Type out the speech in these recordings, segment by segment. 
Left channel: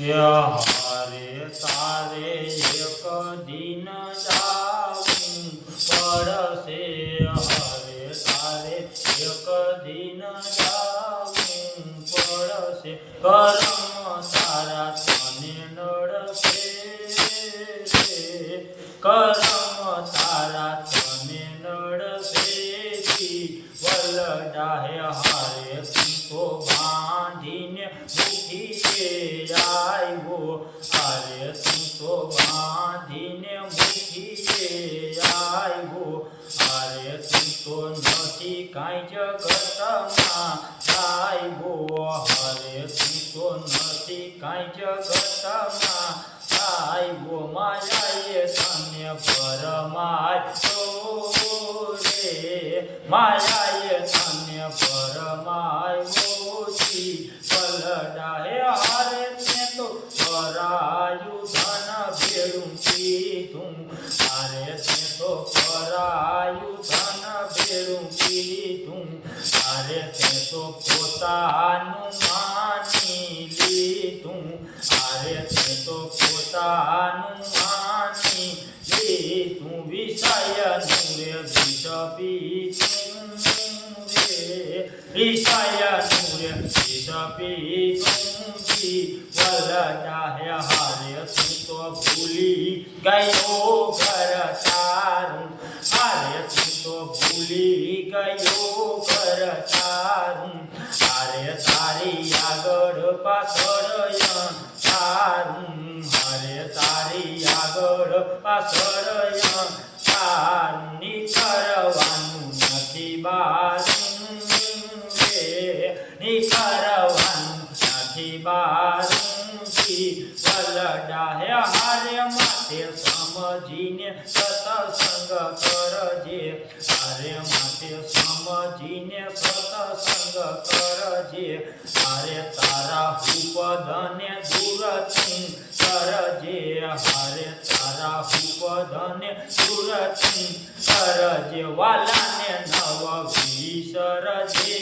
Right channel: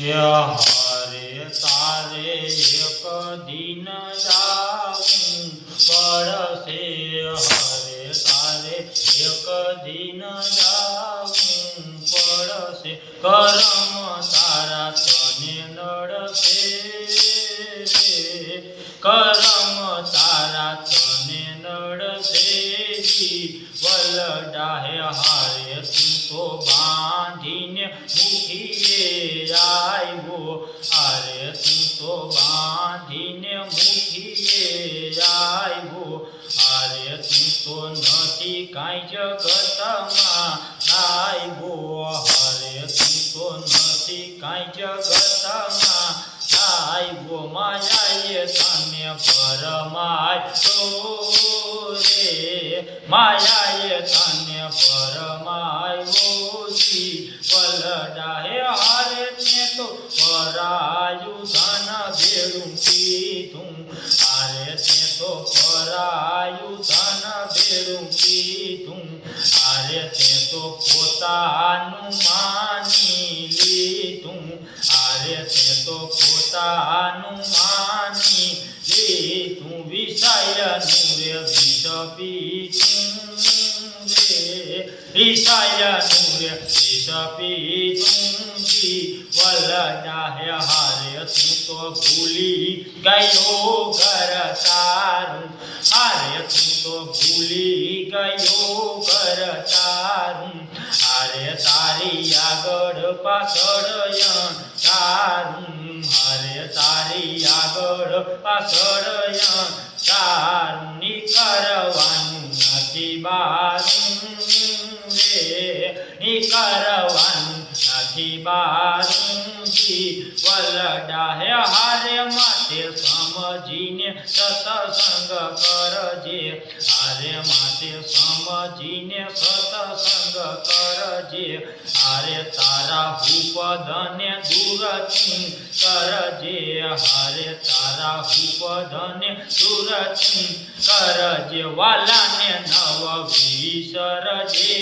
હારે તારે એક દિન જાવું હરે તારે એક દિન જાવું પડશે કરમ તારા તને નડશે કરમ તારા તને નડશે જી વલડાહે હારે તું બાંધીને મુખીએ આવ્યો હારે તું બાંધીને મુખીએ આવ્યો હારે તું નથી કાંઈ જગતમાં આવ્યો હારે તું નથી કાંઈ જગતમાં આવ્યો માયાએ તને ભરમાયો રે માયાએ તને ભરમાયો જી પલડાએ હારે ને તો પરાયું ધન ભેળું કીધું. હારે ને તો પરાયું ધન ભેળું કીધું. હારે ને તો પોતાનું માની લીધું. હારે ને તો પોતાનું માની લીધું વિષયનું રે વિષ પીધું રે વિષયનું રે વિષ પીધું જી વલડાહે હારે તું તો ભૂલી ગયો ઘર તારું. હારે તું તો ભૂલી ગયો આગળ પાછળ હારે તારી આગળ પાછળ તારું નીકળવાનું નથી બારું નીકળવાનું નથી બારું. જી વલડાહે હારે માટે સમજીને સતસંગ કરજે. હારે માટે સમજીને સતસંગ કરજે. હારે તારા ઉપદને દૂરથી કરજે હરે તારા ઉપદને દૂરથી કરજે વાલાને નવ વિસરજે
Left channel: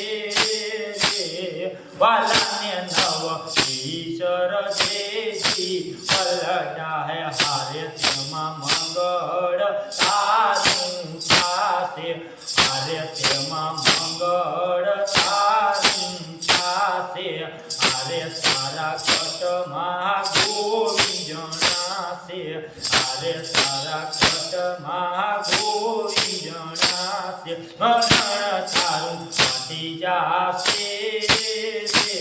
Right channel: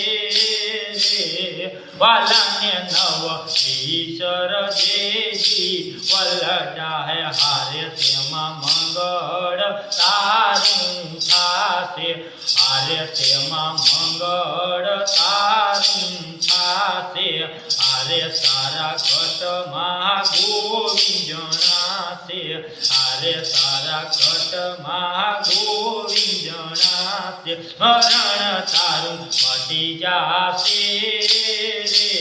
વાલાને નવ વિસરજે જે. વલડા હે હારે તેમાં મંગળ તારું થાશે. હારે તેમાં મંગળ હારે તારા કટમાં ગોવિંદ જણાશે હારે તારા કટમાં ગોવિંદ જણાશે મરણ તારું મટી જાશે રે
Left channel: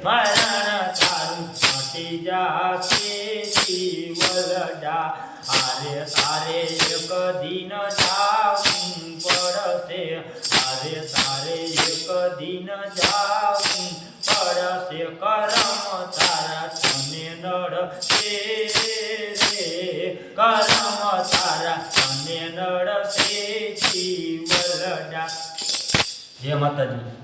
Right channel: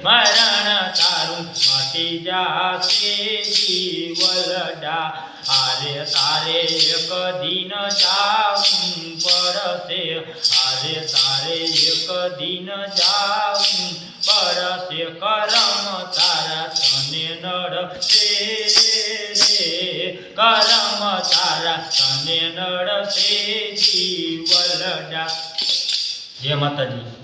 મરણ તારું મટી જાશે જીવલડા હારે તારે એક દિન જાવું પડશે હારે તારે એક દિન જાવું પડશે કરમ તારા તને નડશે કરમ તારા તને નડશે જીવલડા. જય માતાજી.